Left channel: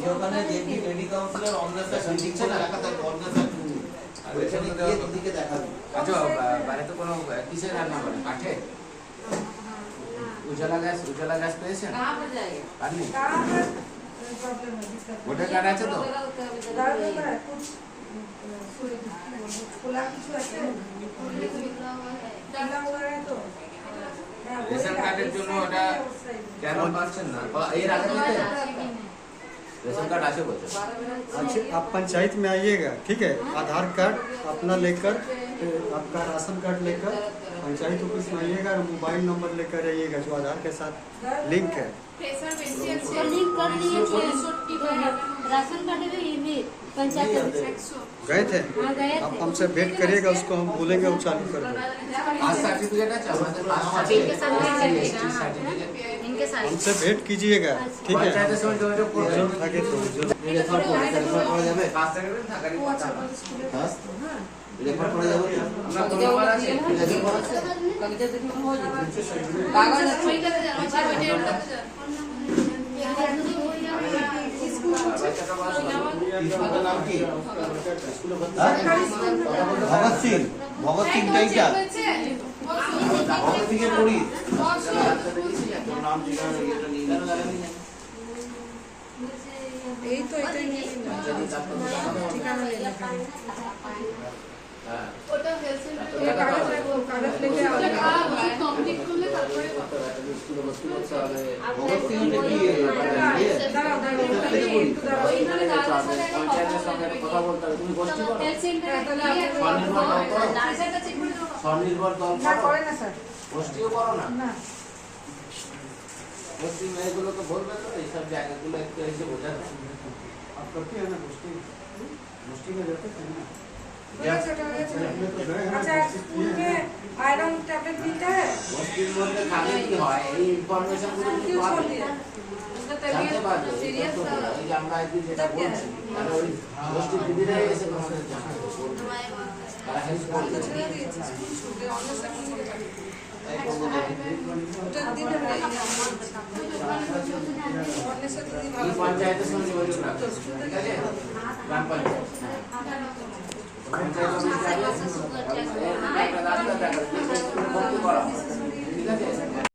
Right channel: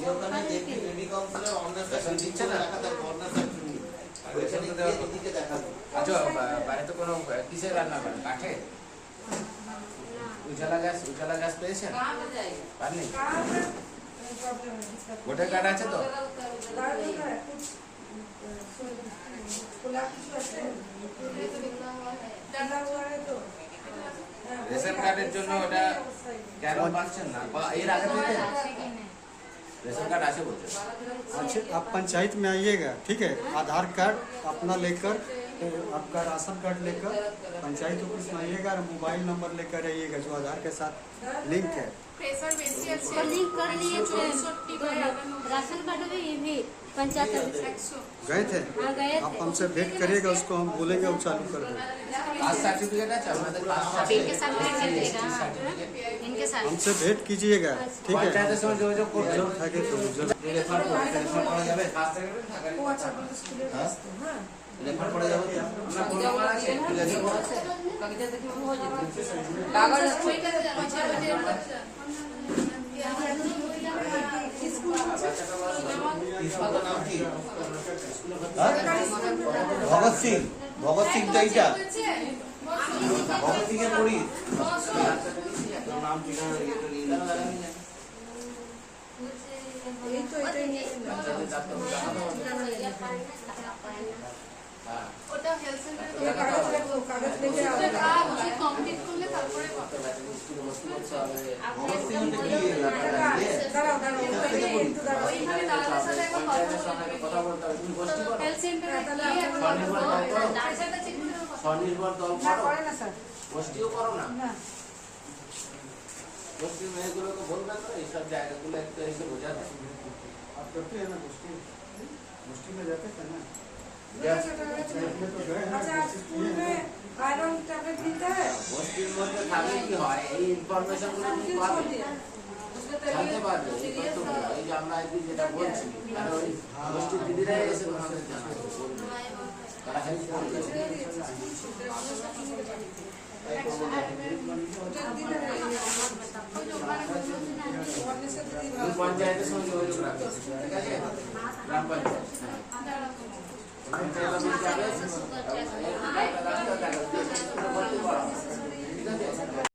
ये ওখানে দেখি লেডি কাউন্সিলর অনার স্যার দিচ্ছে না রাখা থাকবে অনার স্যার আর ওখানে গিয়ে দিদিকে দেখাবে। আচ্ছা বাইরে তো কোনো কিসে রান্না করে কাঠে? উজালা গ্যাস পেয়েছেন? পাননি? ভোটার কার্ড আছে তো? রেশন কার্ডের জন্য ওটা কেন পাচ্ছেন না? এর আগে থেকে रेशन कार्ड आशे बोलते हैं। आप पंचायत में आइएगा, ठीक है। आधार कार्ड अपना लेकर, आपका राशन कार्ड लेकर पंचायत ऑफिस में आइएगा और मोबाइल नंबर लेकर आइएगा जो आधार के साथ लिंक है। लिंक कर लिए राशन कार्ड में ये भी पंचायत गए थे? हाँ गए आप थे। हमसे भेंट करिएगा, उसको हम बोलेंगे वो चालू कर देंगे। आज सर्टिफिकेट है इनके साथ इनके साथ हमसे भेंट कीजिएगा, ठीक है। पंचायत से जो प्रॉब्लम था कि রেফার করে যাবে কাজ থেকে থাকারই কথা না। রেফার করে যাবে আমরা কোন নাম্বার আছে? স্কুলের নাম কি? ভগৎ সিং। ভগৎ সিং এইটা ভগৎ সিং এর পড়ি নাম ঠিকানা এটা নিয়ে কেন জানেন না? এই তো এটাই নিয়ে ওটা হেলথ সেন্টারে এই কাগজ রাখো, কাগজ লেগে আও কমপ্লিট করলে তারপরে ভগৎ সিং এর কি দাঁড়াও দাঁড়াও একটু দাঁড়াও ওইখানে দাদার সাথে একটা পঞ্চায়েতের সঙ্গে কথা বলতে হবে। তুমি গোষ্ঠী করো? হেলথ সেন্টারে গিয়ে স্বনির্ভর দল করো? প্রেশারটা চেক করে দেবো। স্বনির্ভর দল না করো? করে না স্যার, গোষ্ঠীও করো না? না গোষ্ঠী মেয়েগুলো তো বলবে তো এইসব জায়গাগুলো একটু এসে বোঝাবে। आप करते हैं ना गोष्ठी में जाते थे ना? अच्छा स्कूल में आयरन टैबलेट मिलता है, গোষ্ঠীর মধ্যে থাকলে কি হয়, এই ইনফরমেশন গুলো তুমি क्यों छोड़ পাবে, दिया? उसका জানতে तबीयत পারবে। এই सीरियस था। তথ্যগুলো, এই যে আমরা আজকে যেটা বলছি, তারা ওই গোষ্ঠীর দিদিরাই এসে তোমাদের জানাবে, বলবে। তারা হেল্প করবে। তাই তো বলে এই পঞ্চায়েতের সঙ্গে যোগাযোগ রাখবে, ঠিক আছে? গ্রাম পঞ্চায়েত পঞ্চায়েত অফিস যাবে, একটা রাস্তা দেখাবে, ভর্তি করা হবে, ঠিক আছে?